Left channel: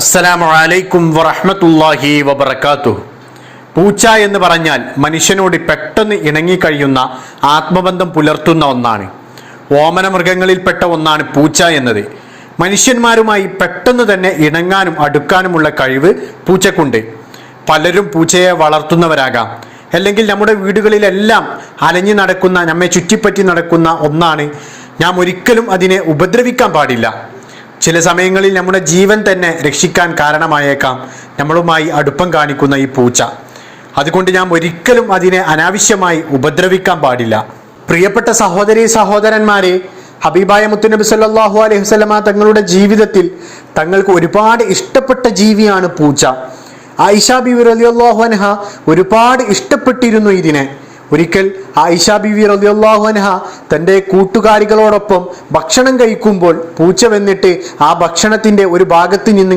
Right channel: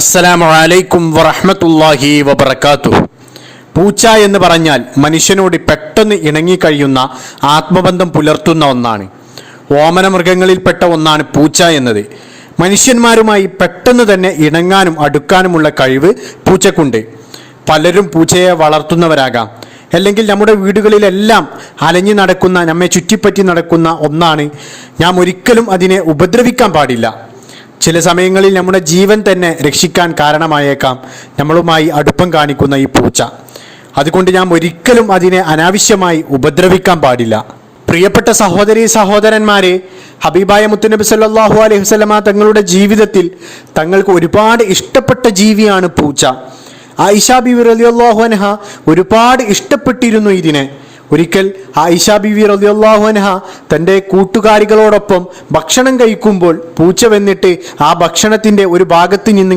അസ്സലാമു അലൈക്കും വറഹ്മത്തുള്ളാഹി വബറകാതുഹു. പൂച്ച എന്ന് പറഞ്ഞാൽ മനുഷ്യനോട് പെട്ടെന്ന് ഇണങ്ങിക്കഴിയുന്ന ആത്മബന്ധം പുലർത്തുന്ന ഒന്നാണ്. ഓമന മൃഗങ്ങളിൽപ്പെട്ട ഒന്നാണ് പൂച്ച എന്നത്. മനുഷ്യന്മാരുമായി പെട്ടെന്ന് തന്നെ ഇണങ്ങാനും അടുക്കാനുമുള്ള കഴിവ് പൂച്ചക്കുണ്ട്. പലരും പൂച്ചയെ വളർത്തുന്നവരാകാം, അല്ലെങ്കിൽ നമ്മുടെ വീടുകളിലെല്ലാം അലഞ്ഞു നടക്കുന്ന, നമ്മെ ചുറ്റിപ്പറ്റി നടക്കുന്ന ഒന്നാണ്. നാം ഒരിക്കലും അതിനെ ഉപദ്രവിക്കാൻ പാടില്ല. ചില സമയങ്ങളിൽ നമ്മുടെ ജീവൻ തന്നെ രക്ഷിക്കാൻ കാരണമായേക്കാം നമ്മളുമായി അടുപ്പം കാണിക്കുന്ന ഈ പൂച്ച. അതുകൊണ്ട് നാം ഒരിക്കലും അതിനെ അനാവശ്യമായി ഉപദ്രവിക്കാൻ പാടില്ല. പ്രിയപ്പെട്ട സഹോദരീ സഹോദരന്മാരെ, ഹബീബായ മുത്തുനബി സല്ലല്ലാഹു അലൈഹി വസല്ലമ തങ്ങളുടെ ജീവിതത്തിൽ തങ്ങൾക്ക് ഒരുപാട് ഇഷ്ടപ്പെട്ട ജീവിയാണ് പൂച്ച. ആയിഷ ബീവി റളിയല്ലാഹു അൻഹ ഒരുപാട് ഇഷ്ടപ്പെട്ടിരുന്നു ഇതിനെ. ഒരിക്കൽ ആയിഷ ബീവി റളിയല്ലാഹു അൻഹ തൻ്റെ കൂട്ടുകാരികളോടൊപ്പം ഭക്ഷണം കഴിക്കുമ്പോൾ പൂച്ച വന്നിട്ട് ആ ഭക്ഷണത്തിൻ്റെ ഒരു ഭാഗത്ത് നിന്ന്